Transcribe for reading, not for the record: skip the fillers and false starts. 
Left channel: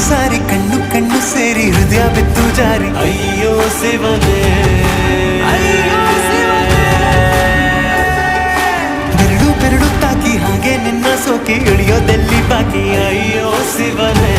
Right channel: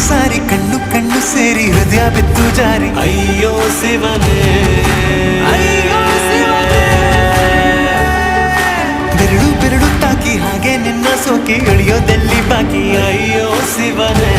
ಸಾರಿ ಕಣ್ಣು ಕಣ್ಣು ಸೇರಿ ಹೃದಯ ಬಿತ್ತು ಜಾರಿ ಅಯ್ಯೋ ಶಿವನೇ ಬೆರಳು ಬೆರಳು ತಾಕಿ ಹಾಗೆ ನಿನ್ನ ಸೋಕಿ ಇಳಿಯೋದೆಲ್ಲಿ ಬಾಕಿ ಅಯ್ಯೋ ಶಿವನೇ